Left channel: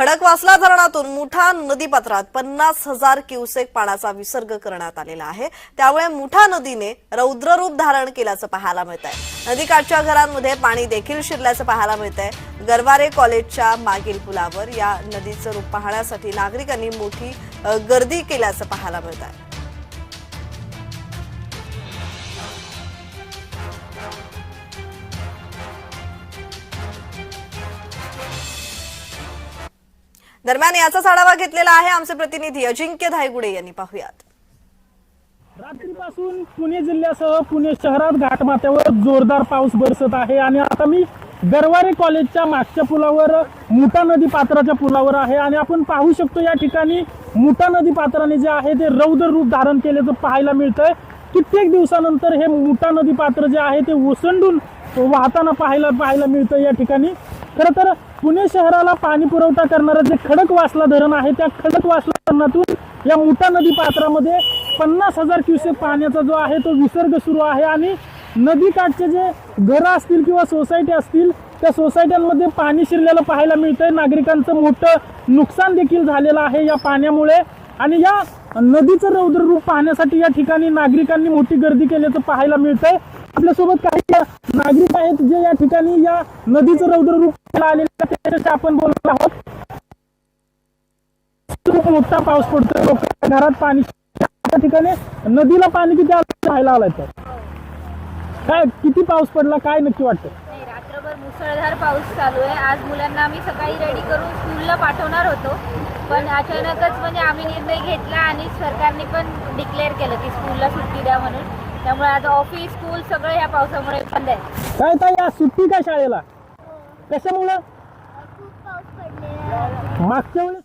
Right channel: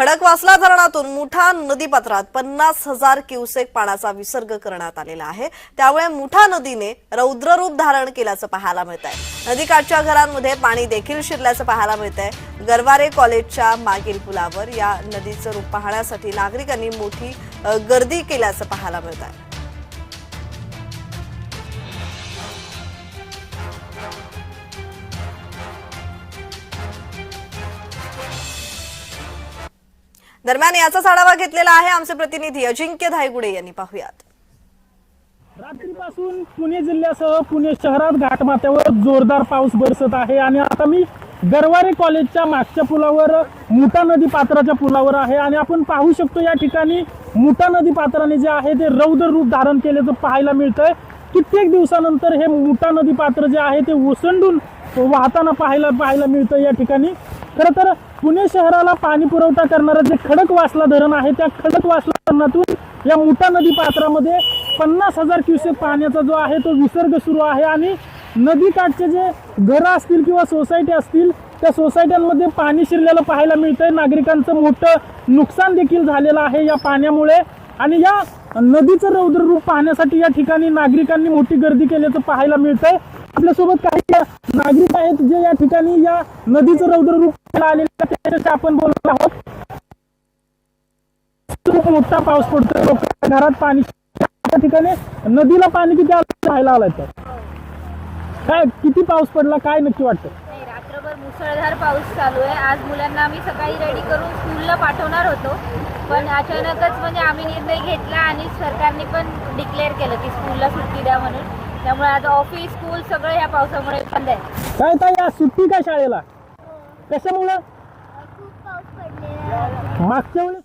खडकवासला धरणातून मुठा नदीपात्रात 50,000 क्युसेक पाण्याचा विसर्ग करण्यात आलेला आहे। त्यामुळे मुठा नदीने रौद्ररूप धारण केल्याचं पाहायला मिळत आहे। नदीकाठच्या घरांमध्ये पाणी देखील शिरल्याचं पाहायला मिळत आहे। गरवारे कॉलेजच्या मागील पुलावर या नदीचं रूप पाहण्यासाठी नागरिकांनी मोठी गर्दी केल्याचं पाहायला मिळत आहे। दरम्यान याचाच आढावा घेतलेला आहे आमचे प्रतिनिधी अजिंक्य धायगुडे यांनी। पाहूयात। रात्रीपासून पुणे जिल्ह्यासह पुणे शहरात घाटमाथ्यावर जोरदार पाऊस बरसत आहे आणि आता मी गरवारे कॉलेजच्या मागच्या पुलावर मुठा नदी पात्राच्या पुलावर आहे आणि आपण पाहू शकतो या ठिकाणी मुठा नदी पात्राने जे आहे ते रौद्र रूप धारण केल्याचं पाहायला मिळतंय। कित्येक दिवसानंतर हे मुठा नदी पात्र जे आहे ते ओसंडून वाहताना पाहायला मिळतं या ठिकाणी। खरं तर पुणे शहराला पाणी पुरवठा करणारं जे खडकवासला धरण आहे त्या खडकवासला धरणातून या मुठा नदी पात्रामध्ये 50,000 क्युसेक पाण्याचा जो आहे तो विसर्ग सुरू आहे आणि नदीकाठचे जे घरं असतील किंवा सोसायटी असतील त्या सोसायट्यांमध्ये पाणी शिरलेलं पाहायला मिळतंय। नागरिकांचं मोठं नुकसान देखील झालेलं आहे या पाण्यामुळे आणि या नदीचं रौद्र रूप पाहण्यासाठी या ठिकाणी नागरिकांनी मोठी गर्दी केल्याचं पाहायला मिळतंय। आपल्यासोबत काही नागरिक आहेत जे या ठिकाणी या नदीचं रौद्र रूप आलेलं त्याच्याशी आपण बोलत आहोत। खूप मोठा पाऊस पडतोय, लोकांच्या घरात पाणी त्या ठिकाणी नदीला पाणी किती राहायला आलंय तर काय किती पाऊस पडला काय नक्की वाटतं? रात्रभर मुसळधार पाऊस चालू आहे। आज मुलांना आम्ही सकाळी रेडी करून स्कूलला पाठवणार होतो पण अचानकच म्हणजे आम्ही निर्णय घेतला आणि सरकारने पण डिक्लेअर केलं की स्कूलला सुट्टी द्या म्हणून। त्यामुळे आज ऑफिस स्कूल सगळं या पावसामुळे बंद आहे। काय ताई आज सुट्टी का शाळेला? कशामुळे? खूप पाऊस पडलेला मागच्या वेळेस